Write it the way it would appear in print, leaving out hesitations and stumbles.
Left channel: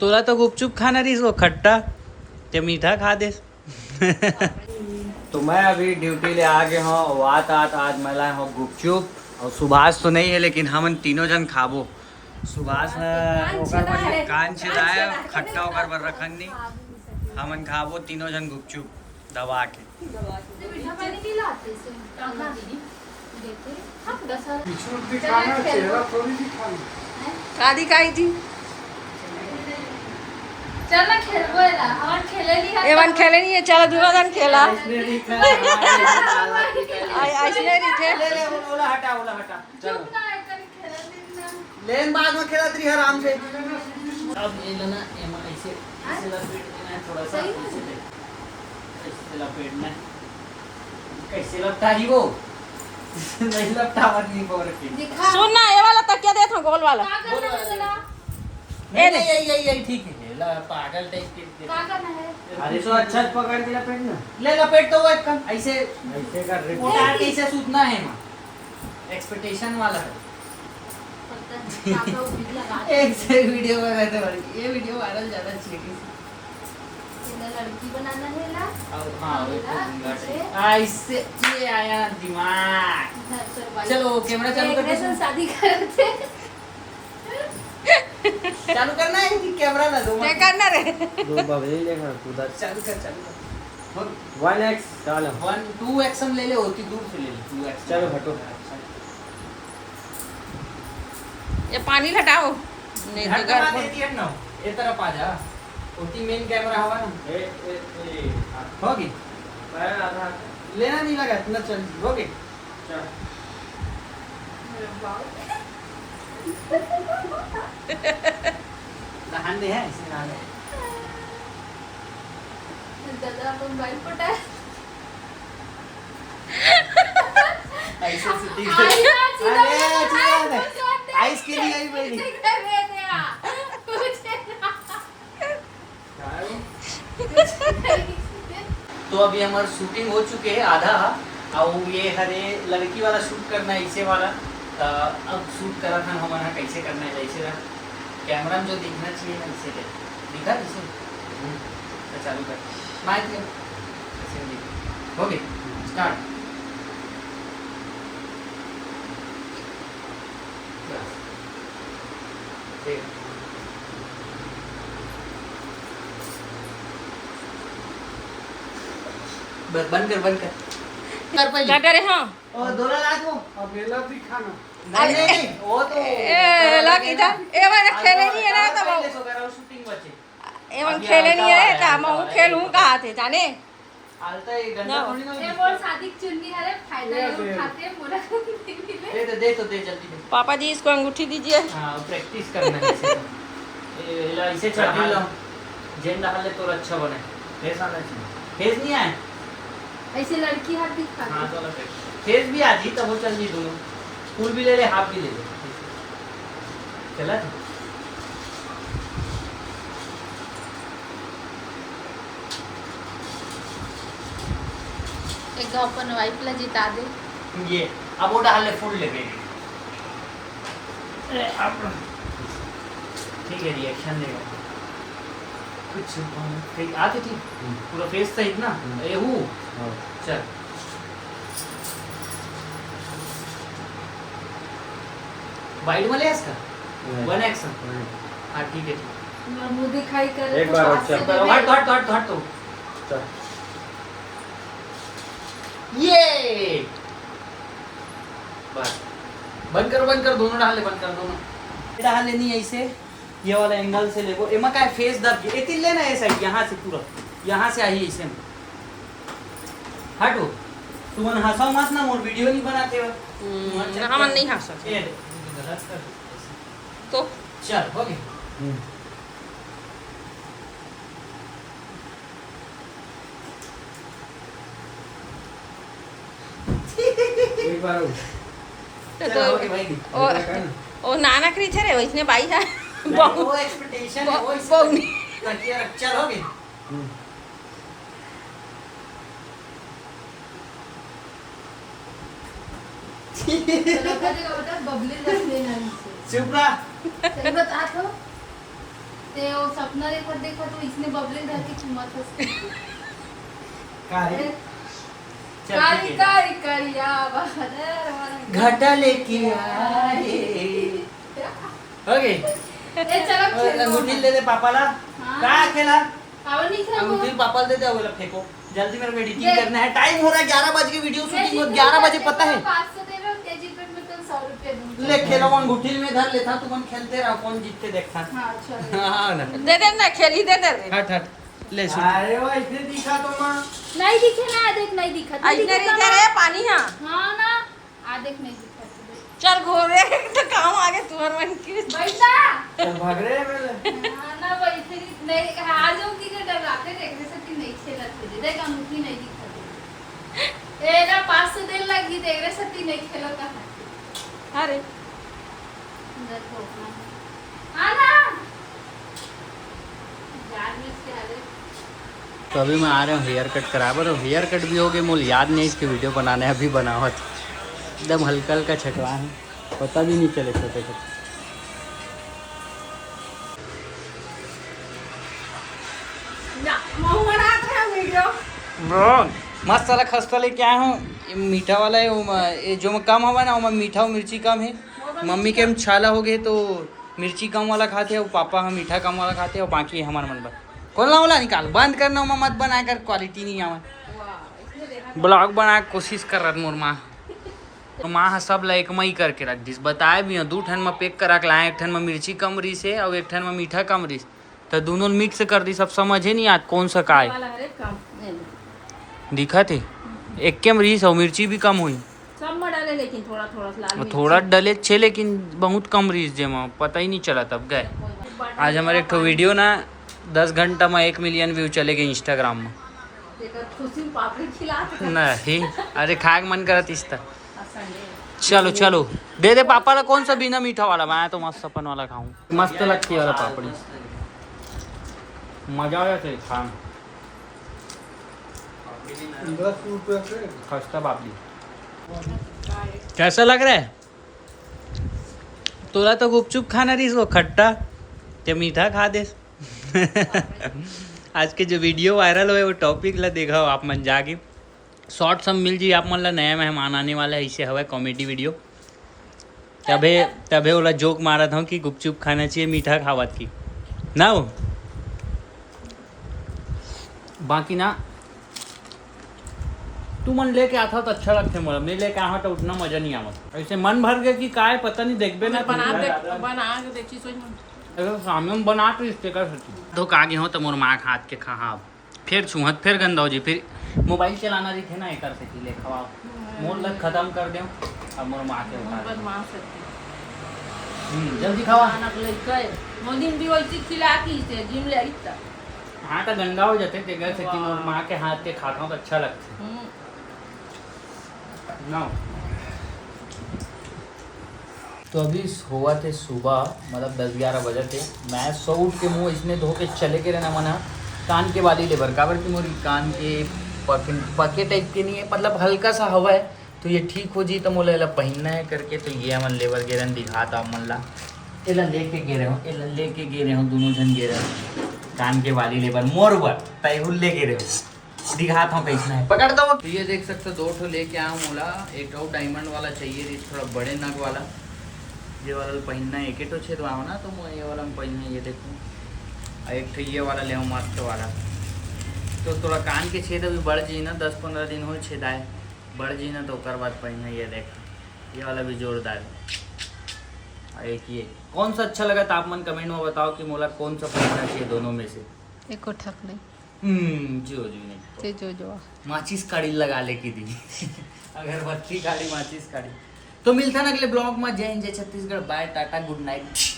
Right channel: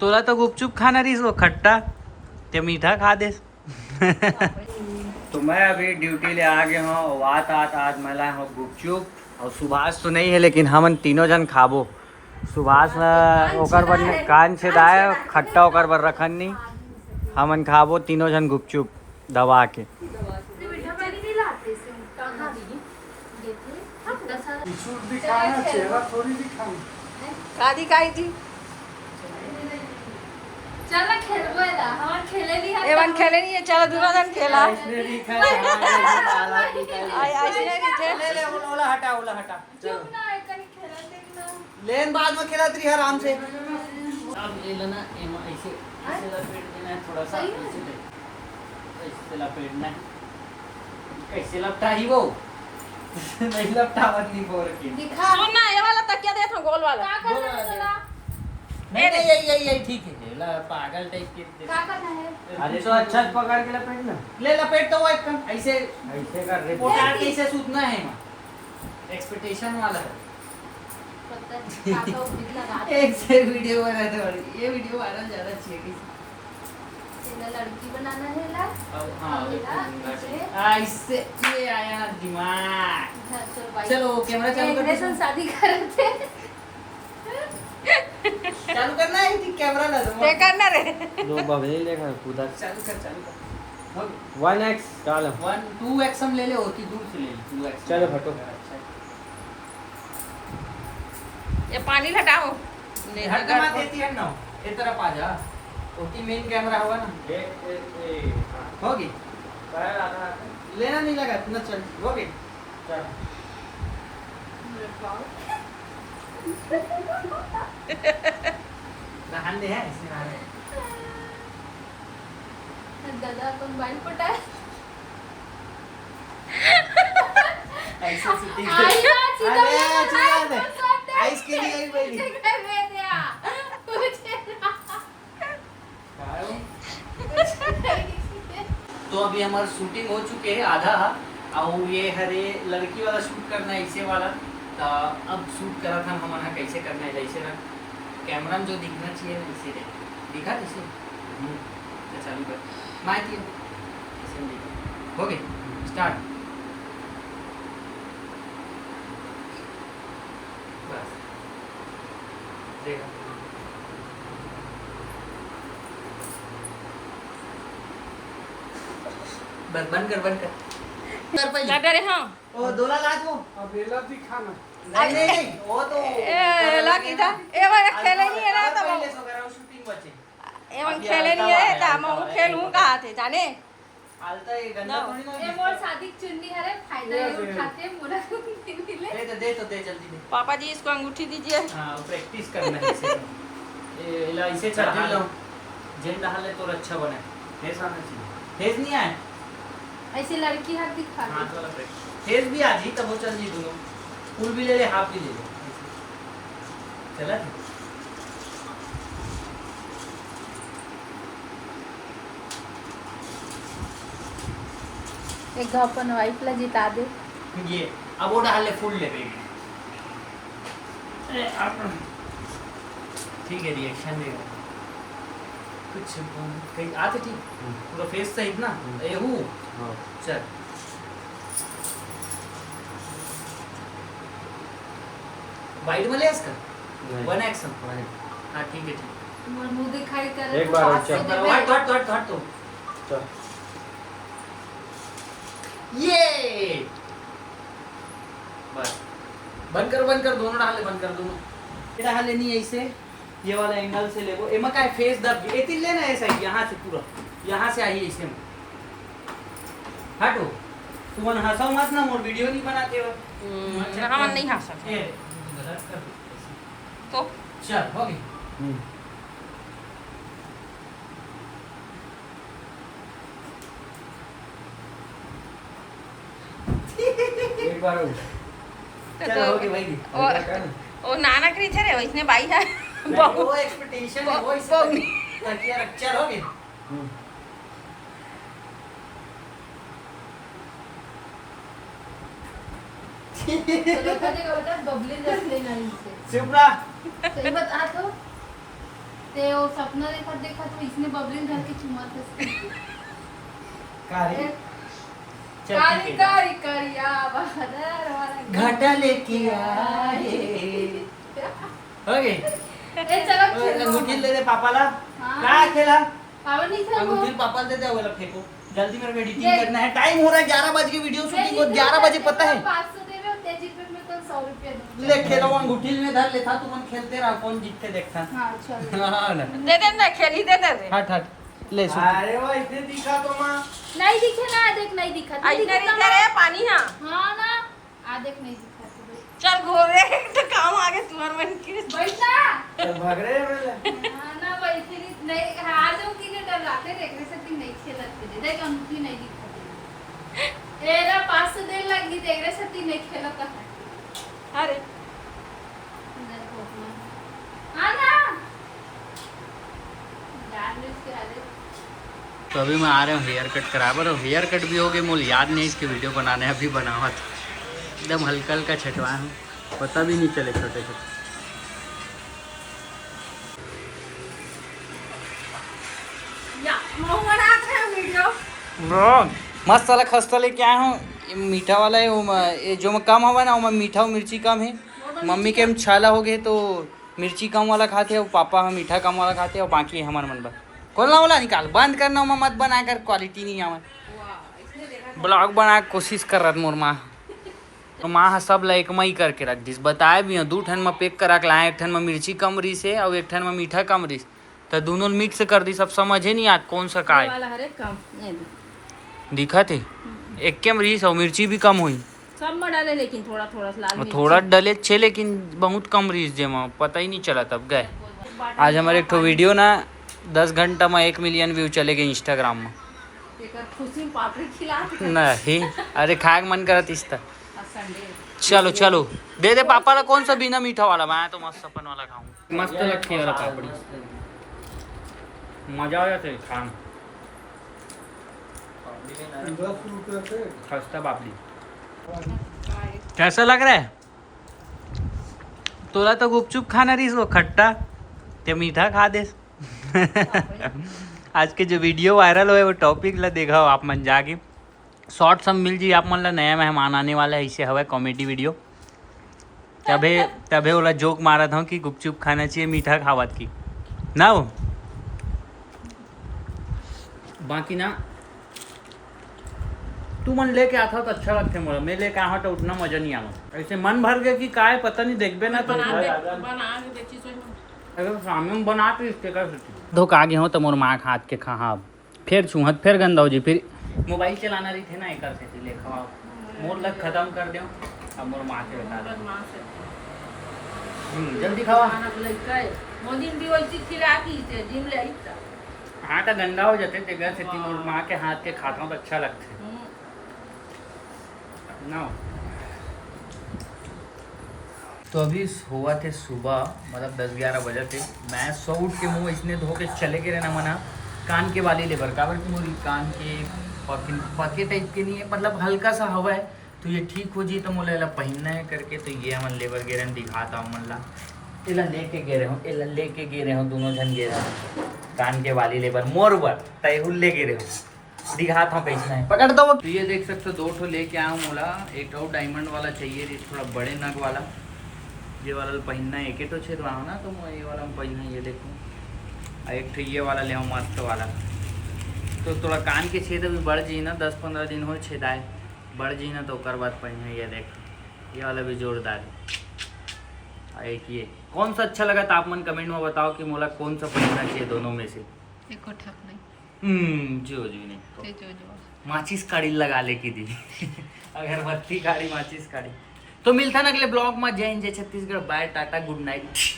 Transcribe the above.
तुला तर गुपचुप खाणारीच वो खट्टा ते मीठा खा दे. तो मैं अभी ड्यूटी ले आ गया हूँ. वात आज मैं लाया हूँ गुपचुप. और सुभाष तो नहीं है लेकिन हम तीनों जन खाबो. सुभाष ओकर पर कान छेदाए खट्टा ओकर पर रखन नहीं. हमन खाबो तीनों जन गुपचुप दबा के. कादी खाई थी एवन खेले नहीं है. चलो दोनों जन खेला ऐसे थे लेन बाद में खेला तरी आराम से. अब ले लेना ऐसे ऐसे लपेट देना है थोड़ा सा. ऐसे लपेटना है. कैसे लगता है वो नहीं लगता नहीं बोल के सुन ना ये वाला तकिया दे था गोल वाला. नहीं यही ठीक है. पागल टाइप के अरे तो अच्छा पकड़ के लपेट ना. ले लपेट तो वो एक ऐसे ऐसे कर रहे पोटा कैसे सूतना है मां एक्सपेक्टेशन वाला है. एक से वीडियो बनाने वाली ये वीडियो वायरल ज्यादा चाहिए. लड़की बनाना है ला. अब हां ऐसे ये आया दिमाग. चलो कैमरा चालू कर. शादी करते चालू करना है कि कैमरा ना दो. ते करना रे दो बबले लेकर उधर चालू कर. अब 1x चलो 1 2x हम ले ले और की दूर से ले ले 2x. चलो हटो. ये पानी हटाओ नहीं तो घर पर ना ये तरफ आ जा. ओटी मेन कैमरा हवा ना होगी लेना नहीं लगा इतना. चल होगी. चल नहान दे है इसे नहान दे. दादा अपन भाई फटा ऐसे सीधी अरे चला आइस के लिए आई बेटी. तो अभी हमारा शूटिंग हो चुके है आधा. और ये हरे लड़की वाला शूट करना है ऐसे वाला. तो अब शूट करा था हमारा कैसे करना है वैसे ना कैमरा में जो दिखना चाहिए ना इसे दिखा जैसे. तो चालू कर माइक में ऐसे दिख हो गई. स्टार्ट. देखो बस बंद कर डाटा रे. हाँ ओ दोला ला दो. अबेला भी खाना नहीं वो तो ए लग इधर एवन खेले नहीं है ना तो शूटिंग बचे एवन खेले नहीं है तो मैं खेलूं कहाँ थे जाने. आलता ये गंदा थोड़ी ना. ये बोल शादी चुन्नी है रे फायदा ये उठाते पूरा दे जल्दी दे. पापा जी इसको अंगूठी दीजिए. हां प्रैक्टिस करना है इसे. ये इसे चढ़ा लो जेन डाले तो अच्छा बने. फेस आना चाहिए. फेस नहीं आए ऐसी लड़की हाथी खा. हां तो फेस भी आज ही तब हो चल भी दोनों. फुल भी ले ले हाफ भी ले ले. चला एक अपन वाइफ ला जिता दे. ये अब वो डाल ले फुल ले बेगी. अब ठीक है रिएक्शन देगा कुछ ठीक आते ठीक पूरा फेस सही ना. ए हूं चल वाइड में ले इसका 1x. हां ठीक है. मुंह दिखाई कर एक बार चल हट तो चल ये बस बंद कर दोनों डाल ले. बंद कर दोनों डाल लेनी है ऐसे. ये वाला एंगल से ले वो एमा का फेस दब एक ही लेना ऐसा यहां से पूरा यहां से आई ऐसे में हटो. तुम हंसो मत ना मोर वीडियो नहीं बनाते हो. हम नहीं हंस सकते गलत कर तो चल हो गई. एक बार तो भाई ओ नाना करी थे रे इसने बाई है वो एक्सपेक्टेशन है वो इस तकिया रख. चल हो गई. बेटा बबली रखले नाही शिवरा ते बता तो ते वो सपना देखा तो इसने बबली रख के चुम्मा काय कारी कारी करिया बहादुर वाला घटा लेके आए ओके ए चलो अंगूठी दे दे पापाला हाँ। काय केला पावन नहीं खेलो अंगूठी पापाला दे दे अगला फेंको जल्दी मेरे को एडिटिंग करना है टाइम हो रहा है 11 बजे की वीडियो शूटिंग हो 11 बजे पता है 500 दे लो तेजी पे मैं कल 100 रुपया दूंगा ले खेलो अंगूठी में धर लेता तू कौन खेलते रहा कौन जीतते देखता हां चलो हाँ ना दे दे ना खेली दे दे हट हट ले अरे वो इतने दिखा तो मां नहीं दिखे ना देख नहीं दिखा इधर इधर है पानी हां हां ना आ देख नहीं दिखा चल घोरे तो काम आगे तुअर मन की बैठा चल भाग रहे हैं मेरे हां ना बैठे नहीं हार जाओ की के डर लाते देख रहे सब की नहीं खेलते दे देख अंगूठी नहीं दिखा ए ना 500 दिन लगी देख रहे सब की नहीं खेलो का है अरे हां ना याद में इसके हाले तो अभी मैं आ रहा हूँ हेयर कट करा पर हेयर कट भी हो गए मुझे याद नहीं इसके वीडियो बनाने अभी बनावा था एकदम हल्का हल्का छटवाए हैं पता भी नहीं चले छोटे छोटे या मोहना था वीडियो मस्त वाला खस्ता लेके आया हूँ ये मीठा वाला है ये जो कम हवा ना वो मीठा और मिर्ची कम है मम्मी के हम छाला हो गए तो मिर्ची कम वाला खाते हैं और पापा हम मीठा कम वाला खाते हैं और बाकी हमारा मन बस खोलना वाला निकाल बंद करना मत बना कर क्वालिटी नहीं आवा ब्लॉग बना के कोशिश कर रहा मोर माँ तो माँ सब ला एक मई करके रख दिस बताए भी हैं 2 ठन में पैक करा के लाए 1 ठन में मिर्ची कम रही से और 1 ठन में मीठा कम रही तो दोनों मिक्स कर दी सब समझे नहीं आज कौन सा का है वाला हर एक काम ये दिखा थे एक के मरीज और मिर्ची भी कम हुई सब में डाले लेकिन थोड़ा थोड़ा लाल मिर्च थोड़ा डले छे लेकिन बहुत कम रीच जे में पता ही नहीं चला तब गए आज हमारे एक वीडियो ना 10 घंटा में 1 मिलियन व्यू चले गए इंस्टाग्राम में एकर खुशी पापड़ी खिला के नहीं अरे खाए के मन करत इस तरह संडे चलो चलो दे दे पापा ला कौन सा बिना मीठा वाला मैं तो मस्त अपन वाला खाऊं मस्त लगती है वाला पापड़ी मजा आ जाता है खाने खस्ता पापड़ी कैसा लग रहा है तोला तो गुपचुप खाना रही वो खट्टा ते मीठा खा दे आज के जो वीडियो वायरल हुए वो टॉपिक ला देखा हो आप मन जाके शॉर्ट सब मिल जी आप मन ला नया मेहमान आने वाला है इसे हवा कॉमेडी वीडियो तबे वाला जोक मारा था कि गुपचुप खाना चाहिए मीठा खावत की ना वो बाकी ना तू मन लेके आता तो अच्छा लगता है मोला मैं लेके आवा तो उतना मजा नहीं आवत ऐसे मन भर गया कि काय पता नहीं देखबे ना बना के देखी सोई अगर सामने में बना तो इससे कर सकती धोखा आगे हो तो मोर माँ हाथ के खा फिर चूहत फिर गंदा हो जी फिर मोबाइल चलाना रही थे ना एक कर सकती ले खवा मोर लग खत्म कर दो अब मोर माँ के बता जल्दी खवा मोदिन भी वैसी खिला की से जिम ले हाँ तो गंदा हो जाते जगह से कि मोर माँ के हाथ के खाता हूँ तो अच्छा लगता है ना तो अभी हुआ थे सुबह मतलब 10-11 बजे थे मैं सो उठ के मुँह इसने धो के चले के रहना मना कान के वाली लेबर काबर की मोरी कान के पके टाइप के नहीं है मतलब हल्का सा हवा है तो ये ठीक हो जी तो मोला एला पहनना है करके तो ये मन लेबर गे रहे दिखाता हूँ मन ला एला लेके गे रहे हो एला लेके गे रहे हो दोनों जन गे रहे हो कान के वाली लेबर मोर बर तैहुल ले गे रहे हो दिखाता हूँ कैसा है पकड़ता हूँ तो ये देख सकते 2 ठो लेके आया हूँ मोला एक और डायमंड वाला चाहिए थोड़ा बड़े नग वाला ये वाला पहनना है एक छेद हो ना तो मैं ये वाला में पहनना ये देखो एक ठो ये वाला ले मस्त वाला तो थोड़ा कान के छेद अभी बढ़ जाए ना 10-15 दिन हो छेदाए बढ़ जाए ना तो कर बाद पहना ये देखो ये वाला भी जोरदार है एक ये कौन सा अच्छा लगा तो आप मन कमेंट में बताओ कि मोला कौन सा पहनना चाहिए दोनों में से एको ठक नहीं जो नहीं जो माचिस काड़ी लगा ले की दी अगरबत्ती काड़ी माचिस काड़ी तो मिलता ना अगले ब्लॉग में जय हिंद जय Chhattisgarh bye tata good night.